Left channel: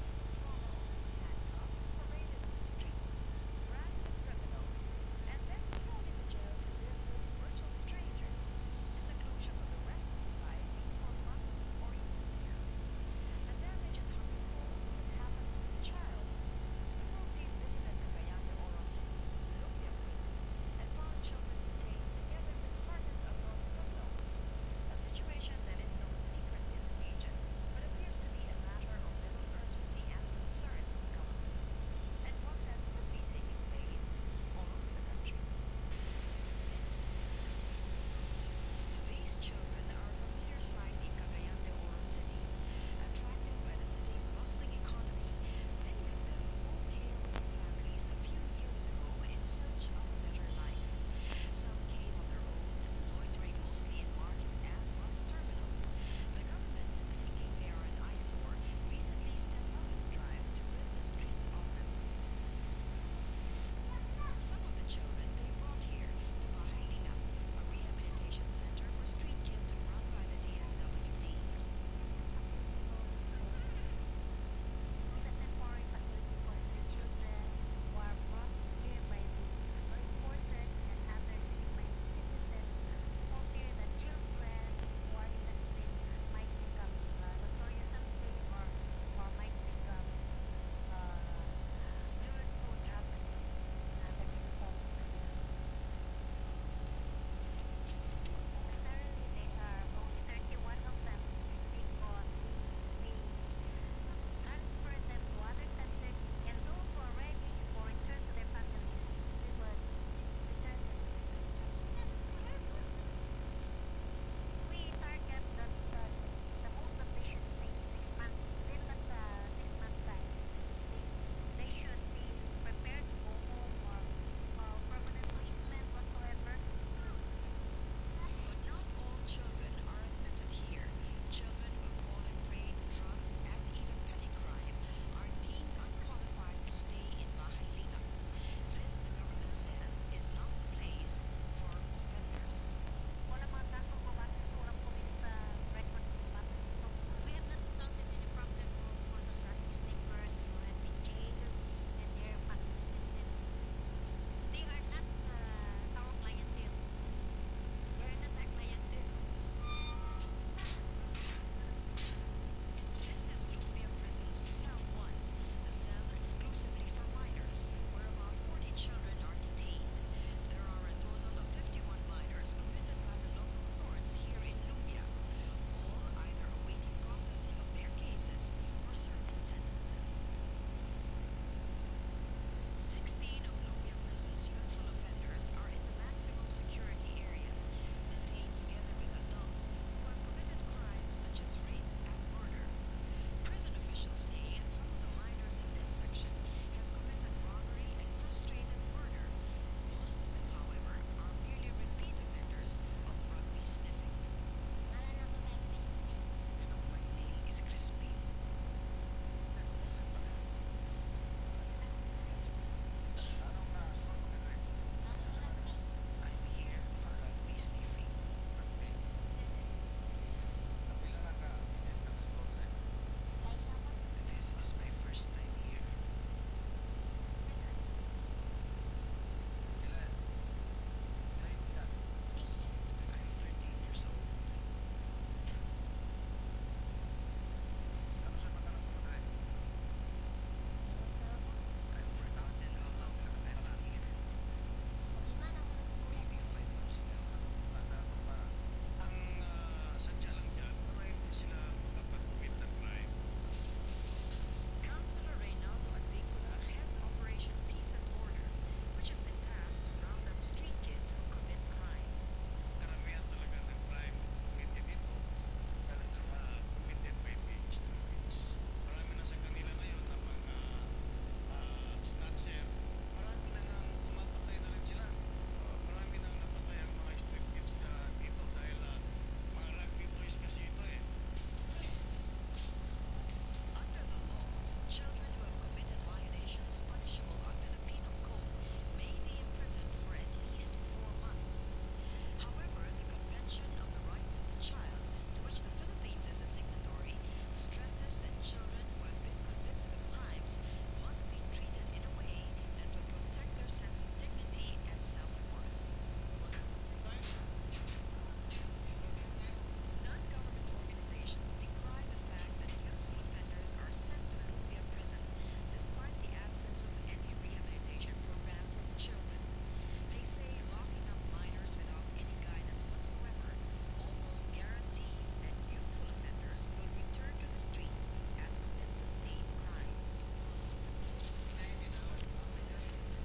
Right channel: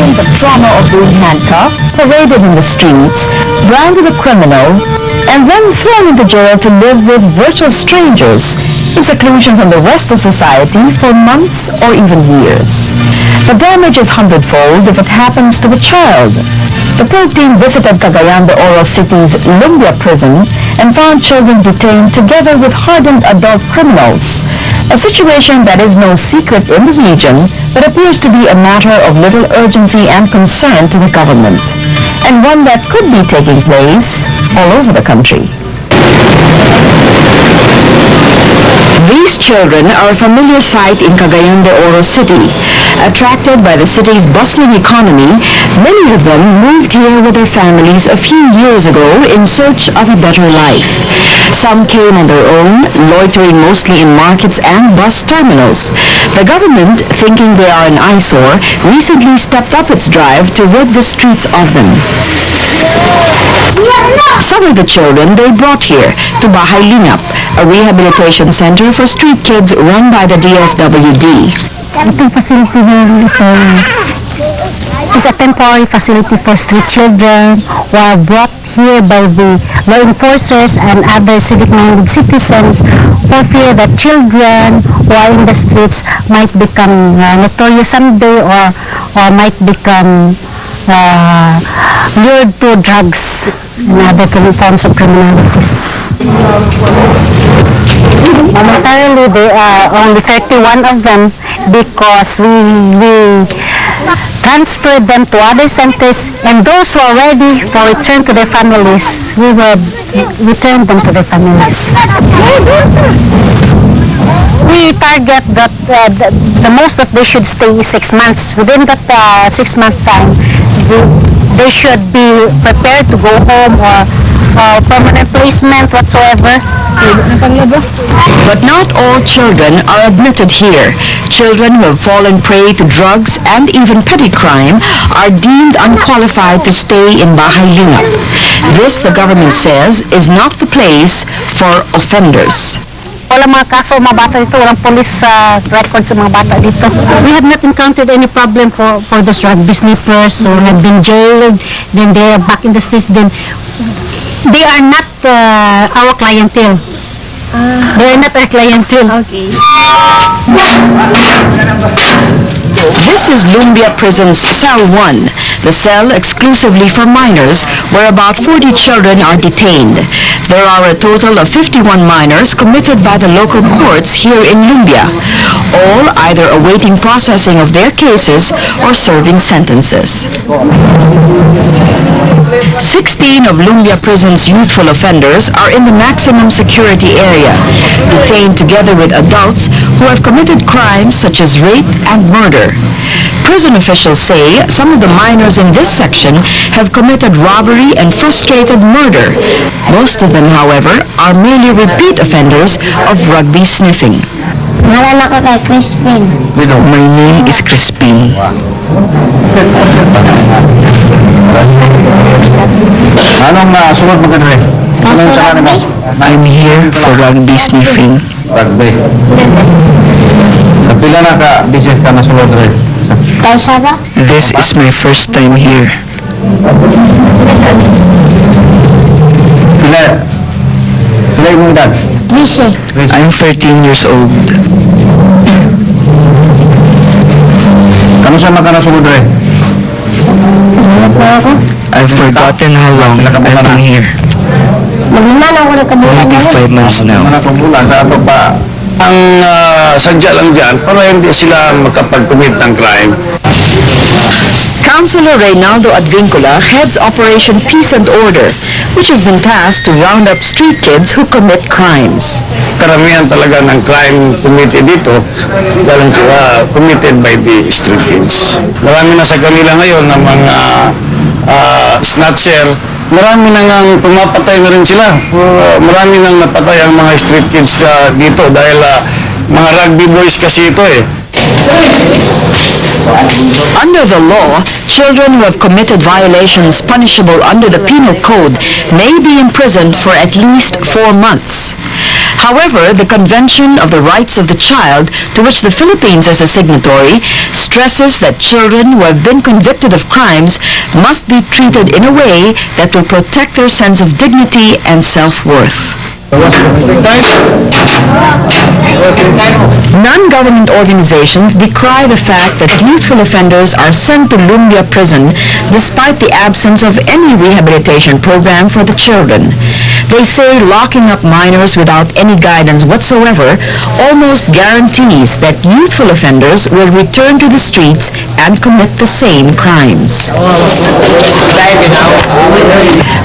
Imagine the trauma of being handcuffed, paraded in the streets, branded a criminal, and then thrown into jail to live with virtual strangers in seclusion from the rest of society for months or even years. The damage is hundredfold if it happens to a child. The probe team visited Cagayan de Oro City's Lumbia prison and found children detained together with hardened adult criminals, a situation that is no secret in the region but appears to be a matter of little urgency and concern to the government, and one that could be taking place all over the country. These children are a familiar sight in Cagayan de Oro City. Attracted by the city's bustling economy, many of them moved here with their families a few years ago in search of a better life. Some came on their own, loitering mostly in markets and bus terminals. The government, thinking they are an eyesore, recently stepped up its drive to rid the streets of them. Some of the children they brought here to Balay, a rehabilitation center for street kids run by the DSWD. Itong facility is a temporary facility for street children who are brought here by the law enforcers and other civic-minded citizens for fear that children who are in the streets might become notorious someday or might become lured to drugs and other forms of criminalities. Momentarily, there are only 31 of them because we transferred them to other centers, and those who are ready for return to their families, we will return them to their families. We target that the most that they should stay is 6 months. Within that 6-month time, they should be prepared to go home or permanent placement whatsoever. But not all children are admitted here. Children who have fallen prey to drugs and even petty crime are deemed unqualified to stay in Balay. This, the government says, is not the place for offenders. Walang mga kaso mga bata dito, walang police records sa mga bata dito. We have not encountered any problem for those rugby sniffers who have been jailed, then they are back in the streets, then they are not our clientele. They are not our clientele. Okay. This is Lumbia Prison's Cell 1, the cell exclusively for minors, where about 40 children are detained. There are a total of 51 minors committed by the local courts here in Lumbia, all either awaiting processing of their cases or serving sentences. 16 of Lumbia Prison's youthful offenders are in the maximum security area, detained together with adults who have committed crimes such as rape and murder. Prison officials say some of the minors in this section have committed robbery and frustrated murder. Most of them, however, are merely repeat offenders of rugby sniffing. Ngalan ako kay Crispin. My name is Crispin. Anong sunod mo ka rin? Anong sa kanila? I'm here for rugby sniffing. Rugby. Kapila na ka, business ka na sunod rin? Kaysa ba? This is my first time here. Pila yung edad? Lise. I'm 13 years old. Kano sa mga ka na sunod rin? I've forgotten how long I've been here. Maybe 5 months now. Ang sadya lang dyan, para hindi sila makapag-commit ng crime. Councilor Reynaldo Advincula heads Operation Peace and Order, which has been tasked to round up street kids who commit crimes. Karamihan talaga ng crime committed dito, galing sila committed by the street kids. Marami na sa kanila ngayon na mga snatcher, marami na nga pumapatay na rin sila. Marami nang napatay ang mga street kids dito dahil mga rugby boys kasi ito eh. Under the law, children who have committed violations punishable under the Penal Code may be imprisoned for at least 4 months. However, the Convention of the Rights of the Child, to which the Philippines is a signatory, stresses that children who have been convicted of crimes must be treated in a way that will protect their sense of dignity and self-worth. Non-government organizations decry the fact that youthful offenders are sent to Lumbia prison despite the absence of any rehabilitation program for the children. They say locking up minors without any guidance whatsoever almost guarantees that youthful offenders will return to the streets and commit the same crimes.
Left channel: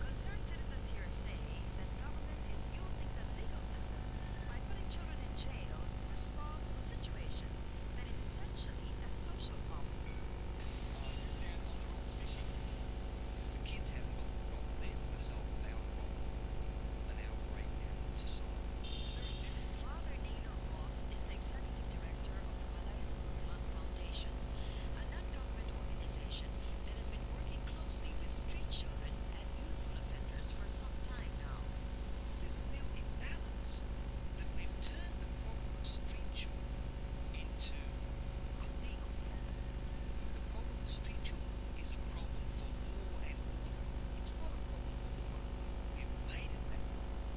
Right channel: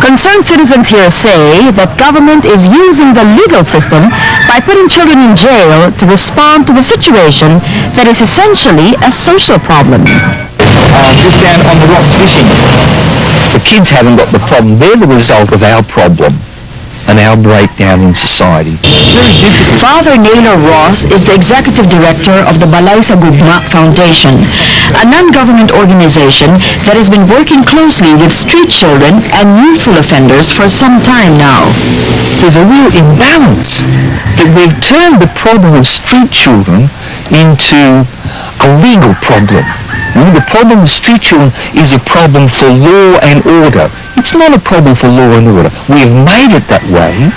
Concerned citizens here say that government is using the legal system by putting children in jail to respond to a situation that is essentially a social problem. Just down on the rocks fishing. The kids haven't got the problem. They're the result of our problem and our breakdown in society. It's very difficult. Father Naylor is the executive director of the Balay Gugma Foundation, a non-government organization that has been working closely with street children and youthful offenders for some time now. There's a real imbalance that we've turned the problem of street children into a legal problem. The problem with street children is a problem for law and order. It's not a problem for law and order. We have made it that way.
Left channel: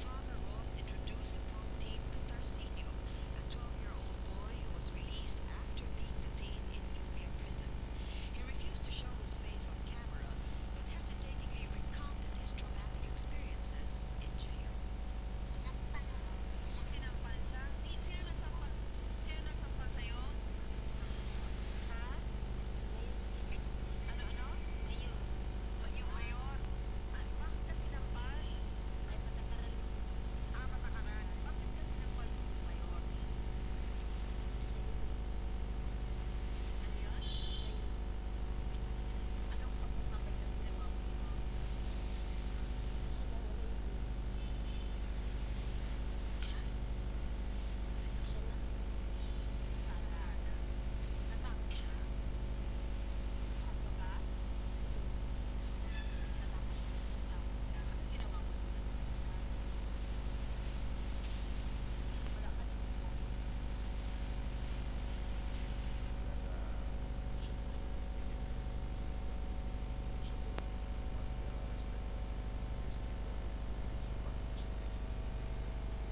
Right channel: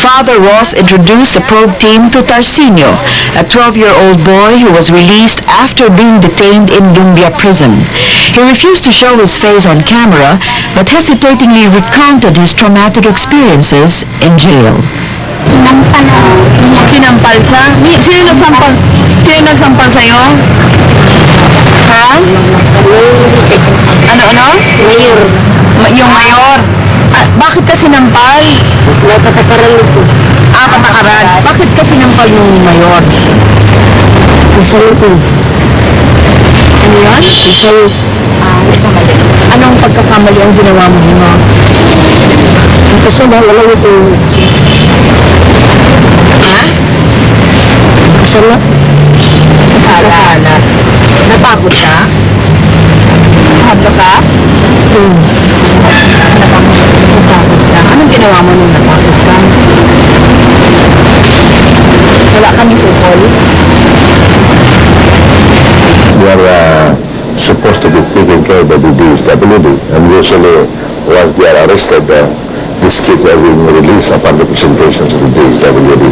Father Ross introduced the probe team to Tarsinio, a 12-year-old boy who was released after being detained in Lumbia prison. He refused to show his face on camera, but hesitatingly recounted his traumatic experiences in jail. Sinampal siya? Sino nagsampal? Sino nagsampal sa'yo? Ha? Ano? Mayor. Yung mayor? Bakit ka sinampal? Patakaran ito. Patakaran. Bakit ka sinampal yung mayor? Isang ito. Ano yan? Isang Anong pagkakamali ang ginawa mo mo? kasi wala ito. Ha? Kasama. Kasala. Napagod ka? Hablo ka? Napagod ka. Anong ginawa mo nung napagod ka? Wala kami sukol? We are supposed to be taken care of by the DSWD, and usually once they are arrested, these kids are being released upon the presentations of the DSWD.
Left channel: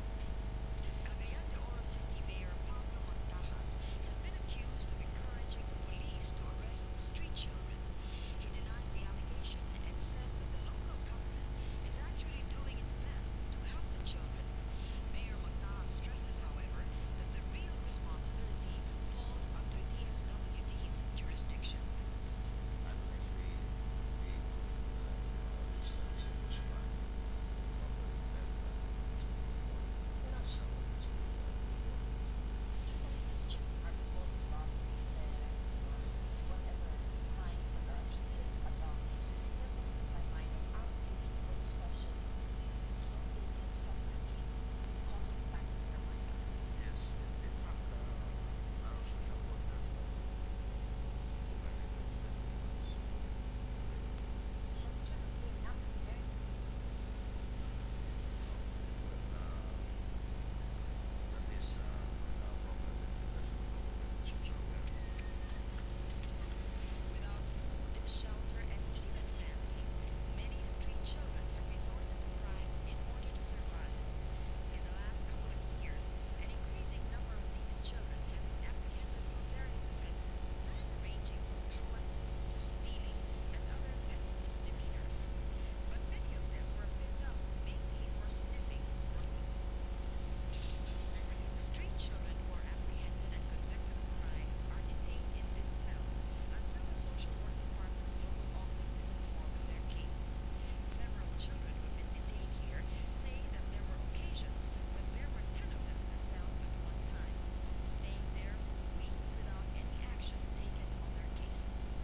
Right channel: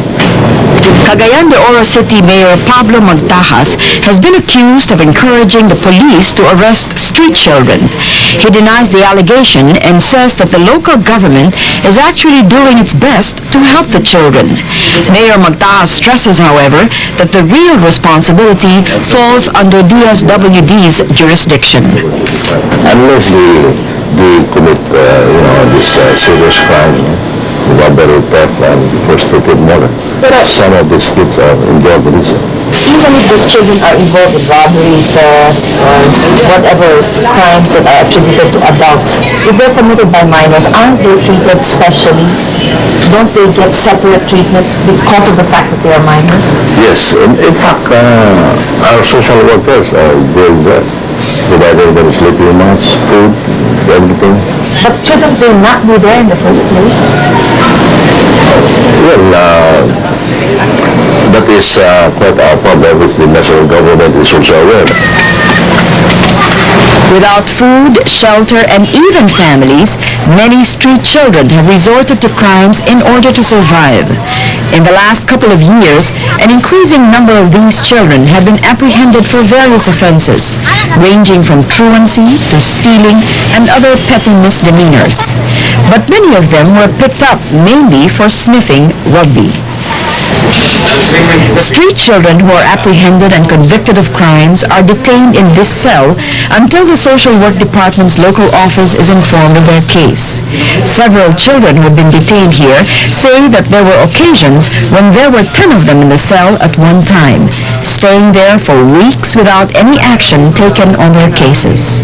Cagayan de Oro City Mayor Pablo Magtajas has been accused of encouraging the police to arrest street children. He denies the allegation and says that the local government is actually doing its best to help the children. Mayor Magtajas stresses, however, that the real responsibility falls under DSWD's jurisdiction. Unless they commit, this serious crime, robbery, theft, and frustrated murder, some of these kids are involved in this. Even if these children are involved in robbery, theft, or whatever crimes that are attributed to adults, if they're committed by minors, aren't they treated specially? Don't they get separate treatment because of the fact that they are minors? Yes, in fact, our social workers are doing that, providing them sleeping mats, food, everything. But shouldn't they not be there in the first place? Well, that is quite our problem, which the national government is also aware of. Without food, shelter, and even families, many street children have resorted to crimes in order to survive. In the last couple of years, an increasing number of these children have been apprehended for various offenses, ranging from truancy to stealing and other petty misdemeanors. But many of them were picked up mainly for sniffing rugby. Street children who are apprehended and convicted of crimes are detained in this cell until the social work department's local office is informed of their case. Several children who have been detained here say that there were occasions when there were 10 of them in the cell at one time, staying there for weeks without any action taken on their cases.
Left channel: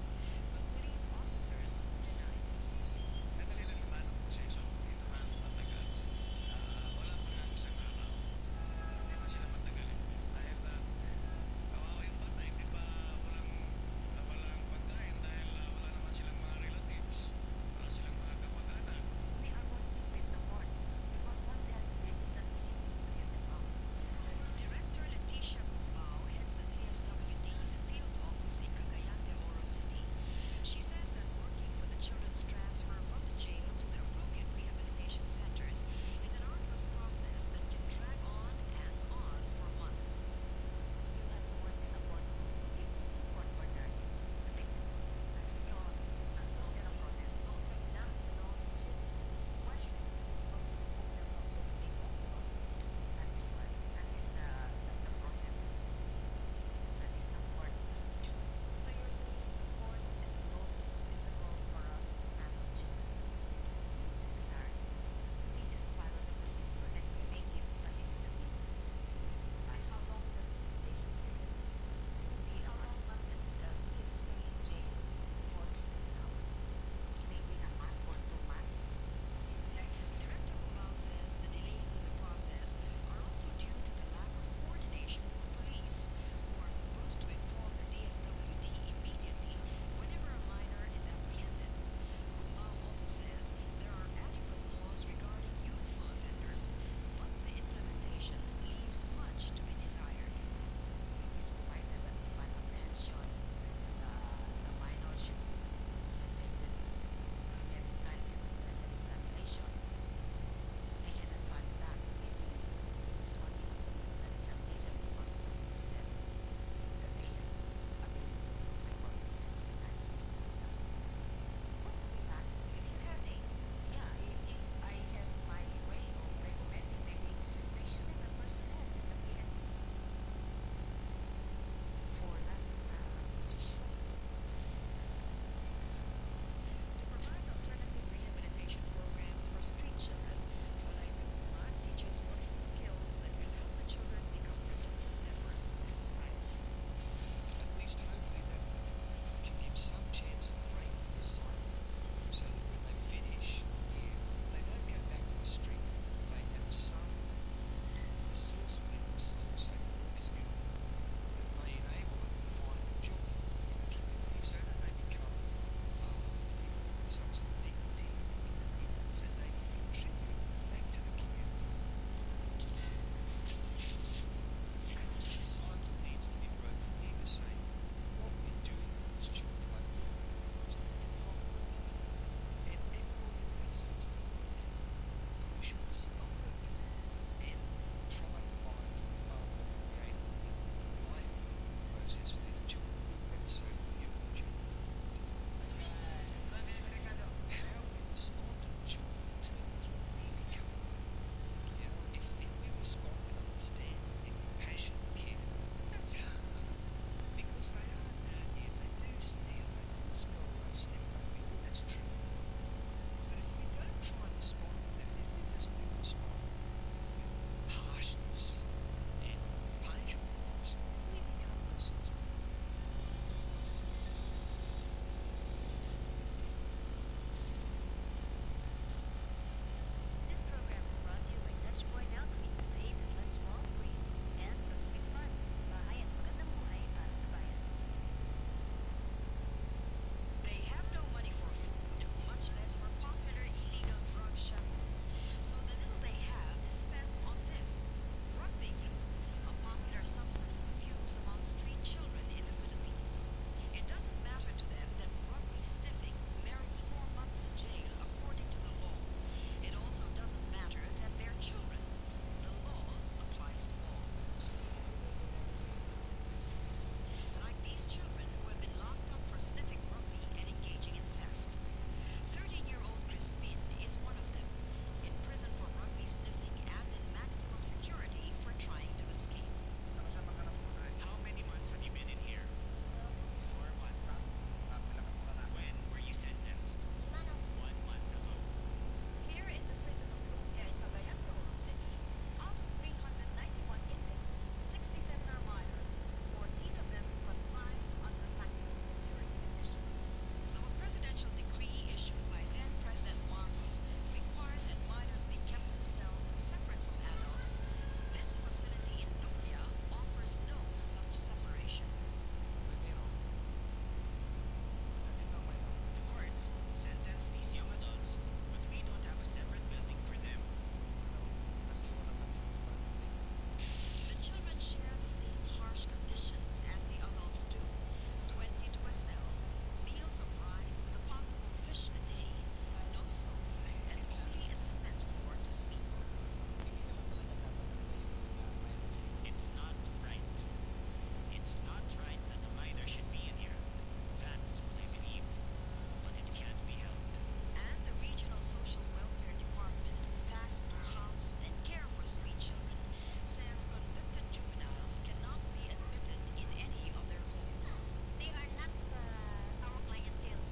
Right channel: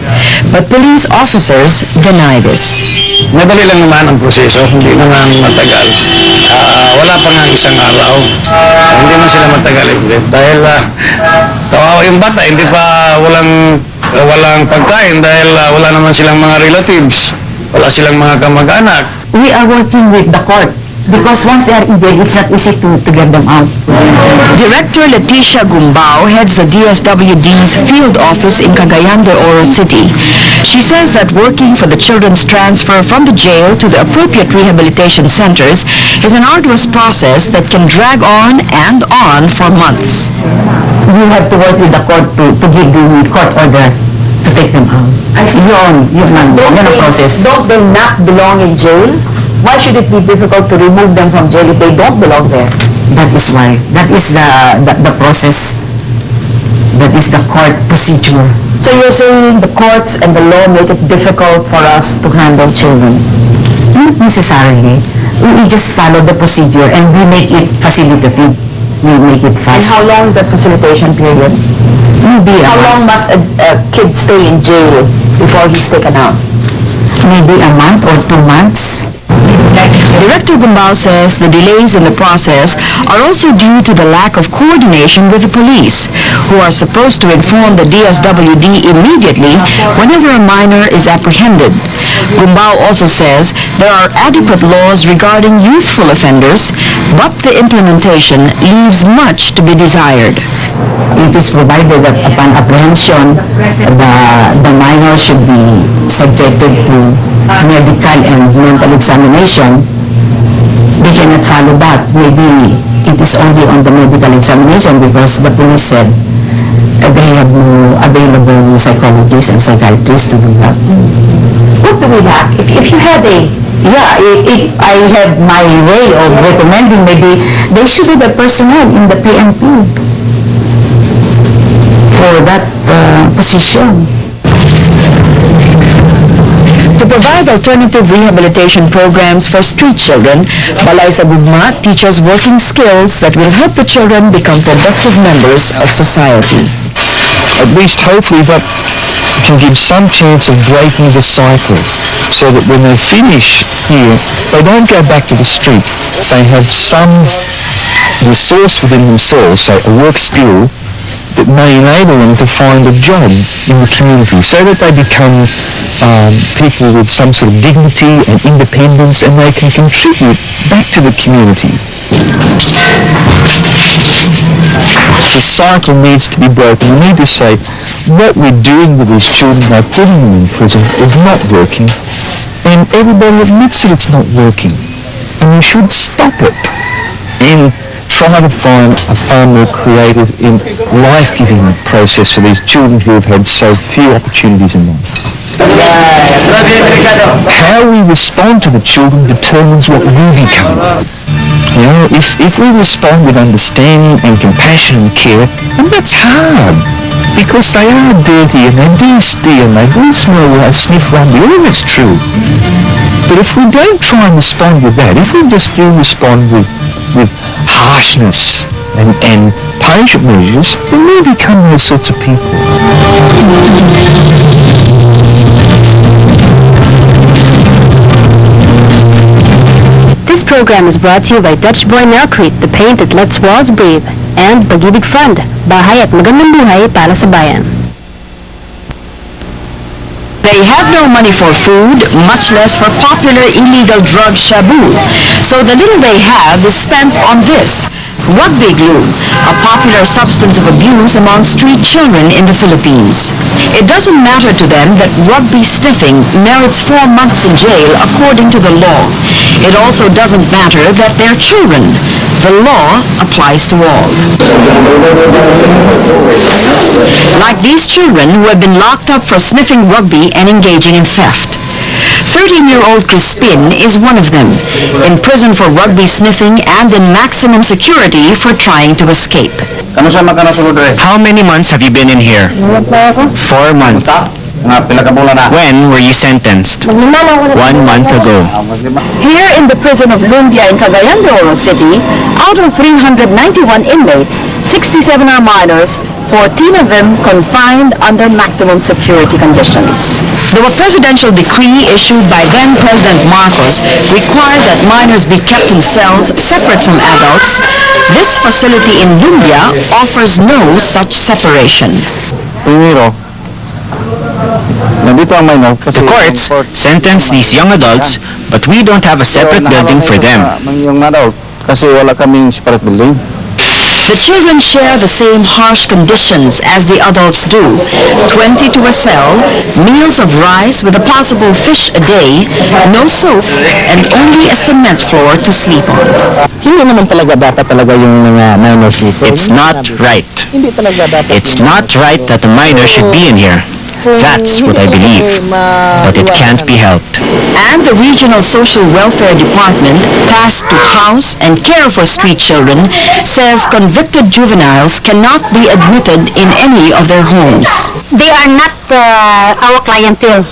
But police officers deny this. Madali lang naman ang proseso, hindi naman matagal. Wala pa nga isang araw. Hindi man sila matagal dahil kawawa yung bata, hindi pa walang pagkain dahil wala naman silang mga relatives, wala silang mga kamag-anak. we are working with the court because once they are in jail, it's not easy to get them out. Director Leticia Gumbao heads the DSWD's field office in Cagayan de Oro City. She says that working for the children's transfer from the jail to the appropriate rehabilitation centers is an arduous process that can drag on and on for months. You have to work with the court to give the court order to take them out. I see. Yun ang process. Don't they not belong in jail? Why should it be difficult to remove them from jail if they don't belong there? That is why. That is the process. That is the court procedure. So you're saying the courts and the law make it difficult for us to handle children? Not necessarily. We just follow the procedure and we make it facilitative. We make it And fast. how long is that facilitation period? Maybe How long must a kid stay in jail before he's taken out? Maybe a month or 2 months. Director Gumbao says the delays in the process are also due to the lack of coordination with the police, who are supposed to inform the DSWD immediately whenever a minor is apprehended. Gumbao also says there are adequate laws regarding youthful offenders, but the implementation leaves much to be desired. It is provided that upon apprehension, the minor should be subjected to medical and mental examination. They cannot follow that. Maybe it is only on the medical examination because the police said they have no available psychologists and psychiatrists to do that. What do we lack? If you had a If I have my way of recommending, maybe they should have a personnel in the PNP for that position. To provide alternative rehabilitation programs for street children, Balay sa Gugma teaches working skills that will help the children become productive members of society. At least hopefully that can give some chance of breaking the cycle so that when they finish here, they don't go back to the street. They have some resource within themselves, say a work skill, that may enable them to find a job in the community so that they become people with some sort of dignity and independence and they can contribute back to the community. The cycle needs to be broken. We need to say what we're doing with these children by putting them in prison is not working, and everybody admits that it's not working, and we should stop it and try to find a far more creative and life-giving process for these children who have had so few opportunities in life. How we respond to the children determines what we become. You know, if we respond with understanding and compassion and care, and that's hard, because they are dirty and they do steal and they do smell like sniff rugby, all that's true. But if we don't try and respond with that, if we just do respond with harshness and punishment measures, then we become those sorts of people. This program is brought to you by Dutch Boy Nelcrete, the paint that lets walls breathe, and Pag-ibig Fund, bahay at magandang buhay para sa bayan. They have no money for food, much less for popular illegal drug shabu. So the little they have is spent on this, rugby glue, a popular substance of abuse among street children in the Philippines. It doesn't matter to them that rugby sniffing merits 4 months in jail according to the law. It also doesn't matter that they're children. The law applies to all. Like these children who have been locked up for sniffing rugby and engaging in theft. 13-year-old Crispin is one of them, in prison for rugby sniffing and in maximum security for trying to escape. How many months have you been in here? 4 months. When were you sentenced? 1 month ago. Here in the prison of Lumbia in Cagayan de Oro City, out of 391 inmates, 67 are minors, 14 of them confined under maximum security conditions. Though a presidential decree issued by then-President Marcos required that minors be kept in cells separate from adults, this facility in Lumbia offers no such separation. Primero, The courts sentence these young adults, but we don't have a separate building for them. The children share the same harsh conditions as the adults do. 20 to a cell, meals of rice with a possible fish a day, no soap, and only a cement floor to sleep on. It's not right. It's not right that the minor should be in here. That's what I believe. But it can't be helped. And the Regional Social Welfare Department, tasked to house and care for street children, says convicted juveniles cannot be admitted in any of their homes. They are not our clientele.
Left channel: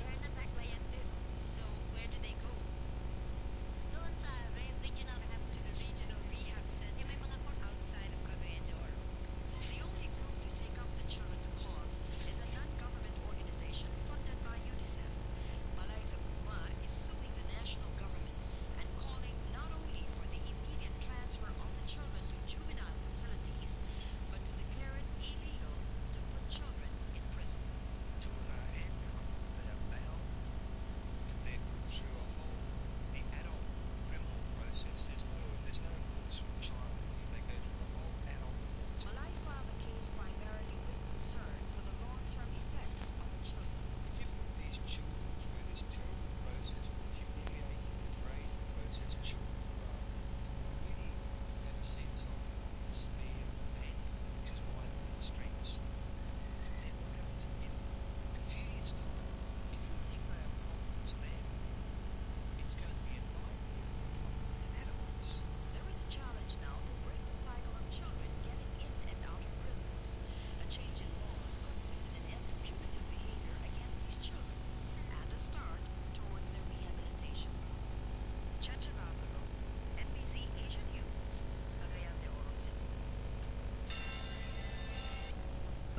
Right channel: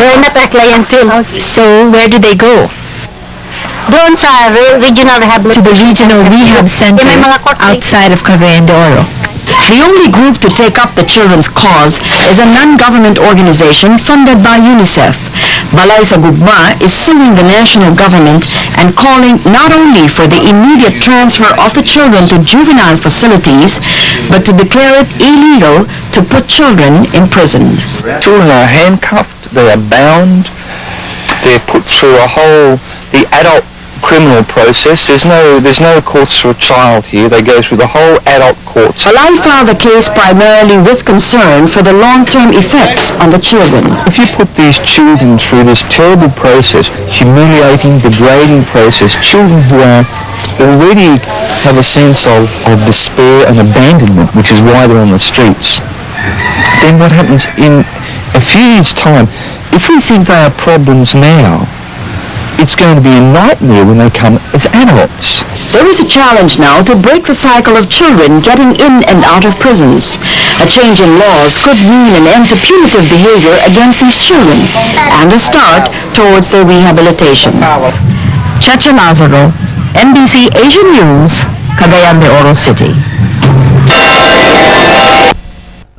They are not our clientele. So where do they go? Doon sa regional rehabilitation. To the Regional Rehab Center May mga court outside of Cagayan de Oro. The only group to take up the children's cause is a non-government organization funded by UNICEF. Balay sa Gugma is suing the national government and calling not only for the immediate transfer of the children to juvenile facilities, but to declare it illegal to put children in prison. Children are handcuffed, they are bound, they're put through the adult criminal process. There's no courts for a child here. They go through the whole adult courts. Balay filed the case primarily with concern for the long-term effects on the children. If you put these children through this terrible process, humiliating, degrading process, children who are already have a sense of despair and abandonment, which is why they're on the streets, then what happens in a few years' time, if we think they are problems now, it's going to be a nightmare when they come as adults. There is a challenge now to break the cycle of children getting in and out of prisons. A change in laws could mean an end to punitive behavior against these children and a start towards their rehabilitation. Cheche Lazaro, NBC Asian News, Cagayan de Oro City.